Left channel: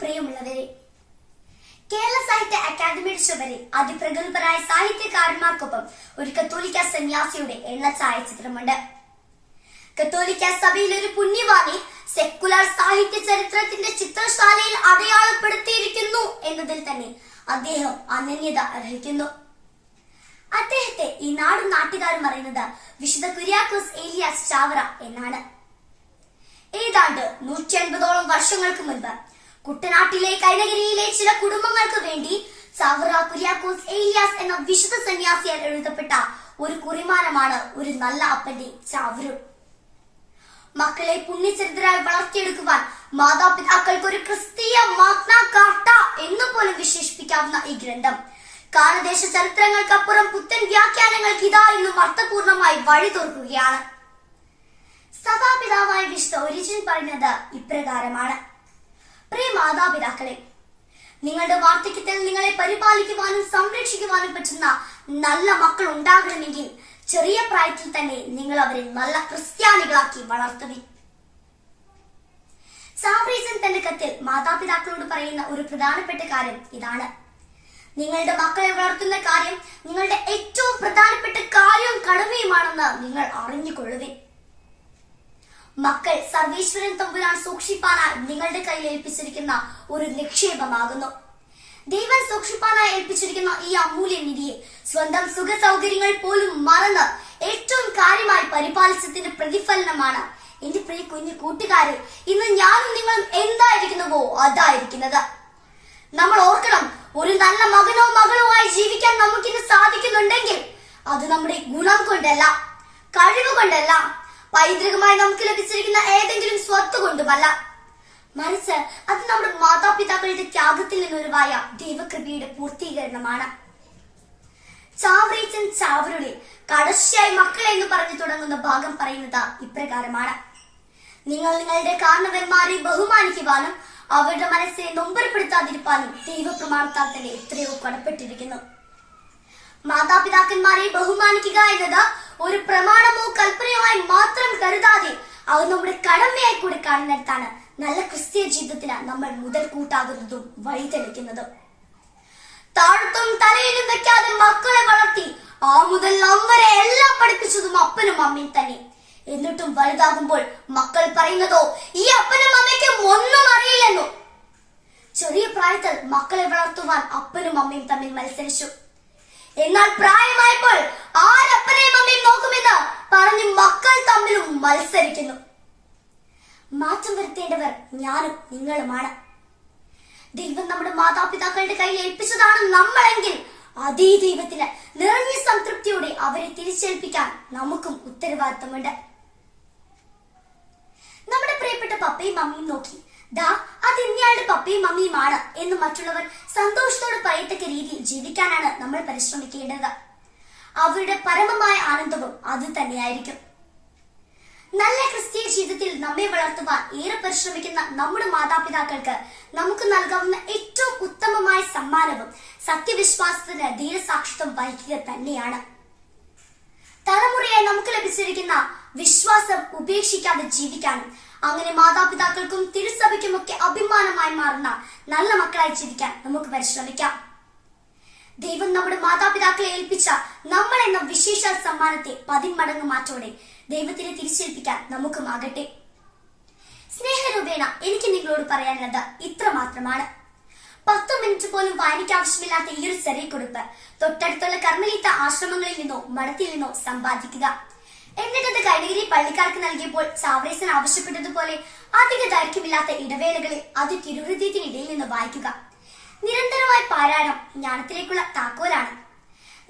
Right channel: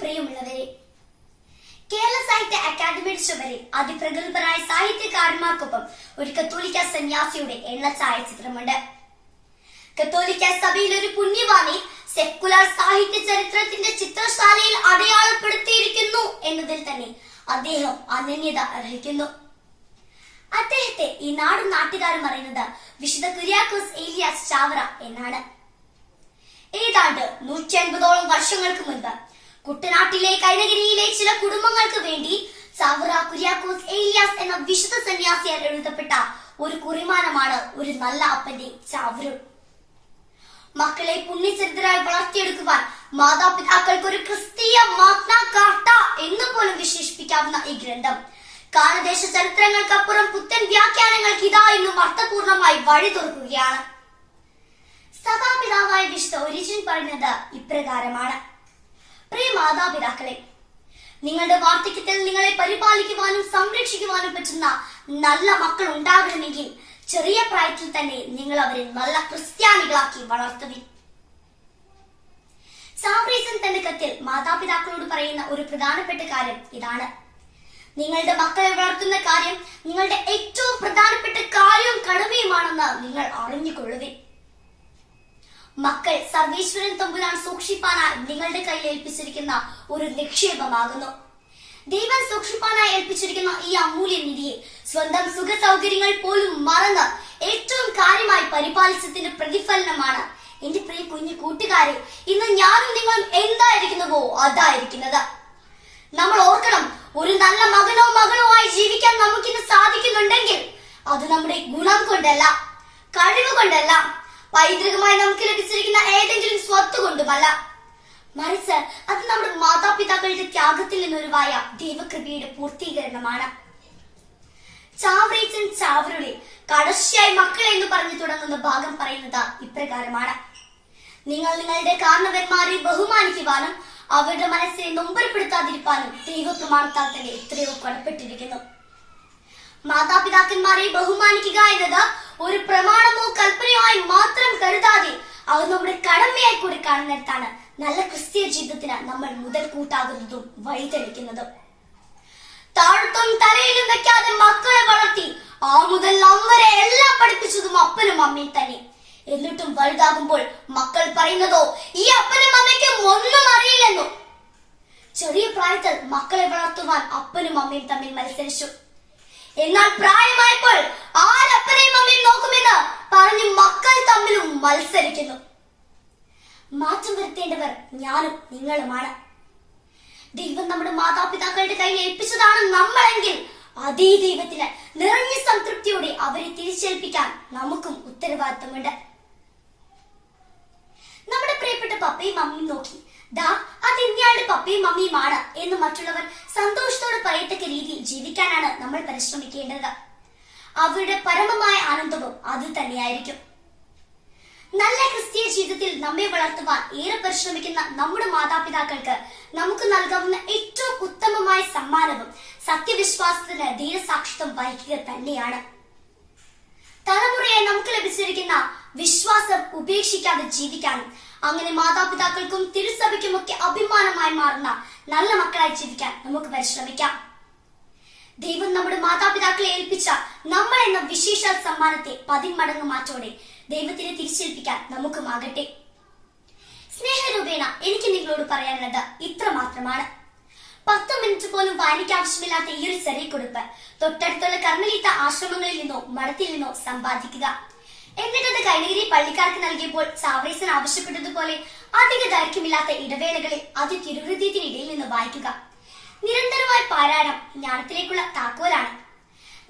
പ്രിയമുള്ളവരെ കേരള സാഹിത്യ അക്കാദമിയുടെ ചുമരിൽ അതിപ്രഗത്ഭരായ സാഹിത്യകാരന്മാർക്കൊപ്പം ഒരു കത്തോലിക്ക സന്യാസിയുടെ എണ്ണ ഛായാചിത്രമുണ്ട് കത്തോലിക്ക സഭയിൽ ഒരു പുണ്യവാണി സെക്കുലർ സാഹിത്യ ചരിത്രത്തിന്റെ ചിത്രശാലയിൽ അടയാളപ്പെടുത്തിയിരിക്കുന്നു എന്നതിൽ തന്നെ അദ്ദേഹം അനന്യത അർഹിക്കുന്നു. അദ്ദേഹത്തെ ഈ നാടും നാട്ടുകാരും അറിയുന്നത് വിശുദ്ധ കുര്യാക്കോസ് ഏലിയാസ് ചാവറ എന്നാണ്. ഏതാണ്ട് നൂറ്റി അൻപതോളം വർഷങ്ങൾക്ക് മുൻപ് കുട്ടനാട്ടിലെ കൈനഗിരിയിലെ ചില കുടുംബങ്ങൾക്ക് വേണ്ടി സവറ കുര്യാക്കോസ് ഏലിയാസ് എന്ന വിശുദ്ധ സന്യാസിയാൽ എഴുതപ്പെട്ട ഒരു കുറിമാനമാണ് ഒരു നല്ല അപ്പന്റെ ചാവരും മക്കളെ പുണ്യചരിതരായി വളർത്തിയെടുക്കുവാൻ മാതാപിതാക്കൾക്ക് ഒരു ക്രിസ്തീയ മാഗ്ന എന്ന് പോലും വിശേഷിപ്പിക്കാവുന്ന ഈ ഗ്രന്ഥം. കാലദേശ ചരിത്രങ്ങൾക്കപ്പുറം പുത്തൻ വ്യാഖ്യാനങ്ങൾക്ക് ഇതാ ഇന്നും അർത്ഥപൂർണമായി വഴി തുറക്കുകയാണ്. സഭാപിതാവായ വിശുദ്ധ ഒരിജിൻ പറയുന്നത് ഇപ്രകാരമാണ്. മാതാപിതാക്കളെ നിങ്ങളുടെ വാർദ്ധക്യത്തിൽ നിങ്ങളെ പരിപാലിക്കുവാനും സംരക്ഷിക്കുവാനും പറ്റുന്ന നല്ല മക്കൾ ഉണ്ടാകണമെങ്കിൽ ചെറിയ പ്രായത്തിൽ തന്നെ നിങ്ങൾ അവരെ നല്ല ക്രിസ്ത്യാനികളാക്കി വളർത്തുവിൻ. സാബ്രീസൻ തന്റെ കത്തിൽ മാതാപിതാക്കളോട് പറയുന്ന ഒരു പ്രധാനപ്പെട്ട കാര്യം ഇതാണ്. നിങ്ങളുടെ മക്കളെ വളർത്തുന്ന കാര്യം നിങ്ങളുടെ ഏറ്റവും പ്രധാനപ്പെട്ട കാര്യവും കടമയുമാണെന്ന് നിങ്ങൾ അറിഞ്ഞുകൊള്ളുവിൻ. മക്കൾ സർവേശ്വരൻ തമ്പുരാൻ സൂക്ഷിപ്പാനായി നിങ്ങളുടെ കയ്യിൽ ഏൽപ്പിച്ചിരിക്കുന്ന ഒരു നിക്ഷേപമാകുന്നു. ദൈവം സൂക്ഷിപ്പാനായി ഏൽപ്പിച്ചിരിക്കുന്ന ഈ അമൂല്യ നിധിയെ സ്വന്തം സുഖ സൗകര്യങ്ങൾ പോലും മറന്ന് ഏറ്റവും കാര്യമായി പരിപാലിച്ചതിന്റെ പ്രതിഫലനമാണ് എന്റെ പ്രിയ കുഞ്ഞു കൂട്ടുകാരെ ഇന്ന് ഞാനും നിങ്ങളും എന്തായിരിക്കുന്നുവോ അതായിരിക്കുന്നത്. നമ്മൾ ഓർക്കണം ഒരു നല്ല മകനോ മകളോ ആയി ജീവിക്കാൻ നമുക്കിന്ന് സാധിക്കുന്നുണ്ടെങ്കിൽ അത് നമ്മുടെ ഗുണം കൊണ്ടല്ല കഴിവ് കൊണ്ടല്ല പൈതൃകമായി നമുക്ക് ലഭിച്ചിരിക്കുന്ന ഏതെങ്കിലും സ്വത്ത് കൊണ്ടുമല്ല. മറിച്ച് അത് നമ്മുടെ മാതാപിതാക്കളുടെ ത്യാഗത്തിൽ നിന്നൊരുവായ ദൈവകൃപയുടെ പൂർത്തീകരണമാണ്. ചാവറീച്ചൻ ചാവറുടെ കടശിയായി മക്കളെ എന്ന് പറഞ്ഞു തുടങ്ങുന്ന ഭാഗം പറയുന്നത് ഇപ്രകാരമാണ്. നിങ്ങൾ നിങ്ങളുടെ കാരണവന്മാരെ ബഹുമാനിക്കുവാനും അവരുടെ മനസ്സിനെ നൊമ്പരപ്പെടുത്താതിരിക്കാനും ദൈവപ്രമാണത്താൽ തന്നെ എത്രയോ കടപ്പെട്ടിരിക്കുന്നു. മാതാപിതാക്കന്മാരെ ബഹുമാനിക്കുക എന്നത് ഒരു പ്രമാണമോ കൽപ്പനയോ ആയി മാത്രം കരുതാതെ അത് നമ്മുടെ കടമയായി കൂടി കാണുന്നിടത്താണ് നല്ല ക്രിസ്തീയ ജീവിതത്തിന് നമ്മൾ മുതൽ കൂട്ടാകുന്നതും വഴിതെളിക്കുന്നതും. താഴത്തും തലയിലും വെക്കാതെ മക്കളെ വളർത്തി ആ മുതൽ അമ്മരെ എല്ലാം പഠിപ്പിച്ചതും അപ്പനും അമ്മയും തന്നെ. എന്നിട്ടും വലുതാകുമ്പോൾ മക്കൾ പറയുന്നതോ ഈ അപ്പനും അമ്മയ്ക്കും ഒന്നും അറിയില്ലെന്നോ? ചെറിയ പ്രായത്തിൽ മക്കളെ വളർത്തുവാൻ അപ്പനും അമ്മയും തമ്മിൽ മത്സരിച്ചു. എന്നാൽ പ്രായമായപ്പോൾ ആരപ്പനെയും അമ്മയും നോക്കുമെന്ന് പറഞ്ഞു മക്കൾ തമ്മിലും മത്സരിക്കുന്നു. മാറ്റം വരുത്തേണ്ടവർ ഞാനും നിങ്ങളുമാണ്. ദൈവം നമ്മുടെ മാതാപിതാക്കളുടെ കയ്യിൽ ഏൽപ്പിച്ചതാണ് നമ്മളെങ്കിൽ അതേ ദൈവത്തിന് നിറഞ്ഞ സംതൃപ്തിയോടെ അവരെ തിരിച്ചേൽപ്പിക്കാൻ നമുക്കും ഉത്തരവാദിത്തമുണ്ട്. നമ്മുടെ പ്രിയപ്പെട്ട പപ്പയും മമ്മിയും നോക്കി. ദാ അത് ഇന്നയാളുടെ പപ്പയും മമ്മിയുമാണ് എന്ന് മറ്റുള്ളവർ സന്തോഷത്തോടെ പറയത്തക്ക രീതിയിൽ ജീവിക്കാനാണ് നമ്മൾ പരിശ്രമിക്കേണ്ടത്. അവരുടെ പരമമായ ആനന്ദവും അത് തന്നെയായിരിക്കും. നല്ല ക്രിസ്തീയ ജീവിതത്തിൽ നമ്മെ വളർത്തുവാൻ ഏറെ പരിശ്രമിക്കുന്ന നമ്മുടെ മാതാപിതാക്കൾക്ക് നമുക്ക് നൽകാവുന്ന ഏറ്റവും ഉത്തമമായ സമ്മാനവും സത്യവിശ്വാസത്തിന് ധീരസാക്ഷിത്വം വഹിക്കുക തന്നെയാണ്. തലമുറയായി നമുക്ക് ലഭിച്ചിരിക്കുന്ന വിശ്വാസം ഉപേക്ഷിക്കാതെ ജീവിക്കാനും അങ്ങനെ മാതാപിതാക്കൾക്കും തിരുസഭയ്ക്കും ഒക്കെ അഭിമാനമായി മാറുന്ന നല്ല മക്കളായി ജീവിക്കാൻ നമുക്ക് പരിശ്രമിക്കാം. ദൈവം നമ്മുടെ മാതാപിതാക്കളെ ഏൽപ്പിച്ച നമ്മൾ എന്ന വിശേഷ സമ്മാനത്തെ പതിന്മടങ്ങ് മാറ്റോടെ ദൈവത്തിനെ തിരിച്ചേൽപ്പിക്കാൻ നമുക്കുമാകട്ടെ സ്നേഹരൂപേണ എനിക്ക് നിങ്ങളോട് പറയാനുള്ളത് ഇത്ര മാത്രമാണ് പത്ത് മിനിറ്റ് പോലും വായനയ്ക്ക് ആവശ്യമില്ലാത്ത ഈ ഒരു ചെറിയ കുറിപ്പ് തൊട്ടടുത്തുള്ള കർമ്മലീത്ത ആശ്രമങ്ങളിൽ നിന്നോ മഠത്തിൽ നിന്നോ സമ്പാദിക്കുക. എന്നിട്ടത് കൈനഗിരി പള്ളിക്കാർക്ക് നൽകിയപ്പോൾ ചാവറേസൻ ആവശ്യപ്പെട്ടതുപോലെ അധിക ദൈർഘ്യമില്ലാത്ത ഇടവേളകളിൽ അത് തിരുഹൃദയത്തിനിടയിൽ നിന്ന് വായിക്കുക. നിരന്തരമായ പാരായണം ജ്ഞാനത്തിലേക്കുള്ള താക്കോലാണ്.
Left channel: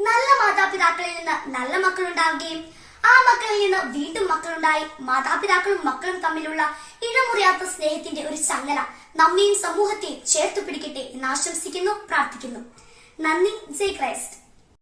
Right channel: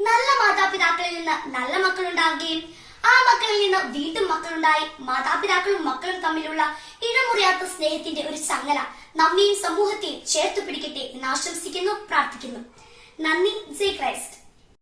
നല്ല മാതാപിതാക്കളിൽ നിന്ന് നല്ല മക്കളുണ്ടാവുകയും ആ മക്കളിൽ നിന്ന് വീണ്ടും മക്കളുണ്ടായി. മാതാപിതാക്കളും മക്കളും തമ്മിലുള്ള ഇഴമുറിയാത്ത സ്നേഹത്തിന്റെ ഒരു ചങ്ങല നമ്മയും സമൂഹത്തെയും ചേർത്ത് പിടിക്കട്ടെ എന്ന് ആശംസിക്കുന്നു പ്രാർത്ഥിക്കുന്നു. നന്ദി. ജയ് ക്രൈസ്റ്റ്.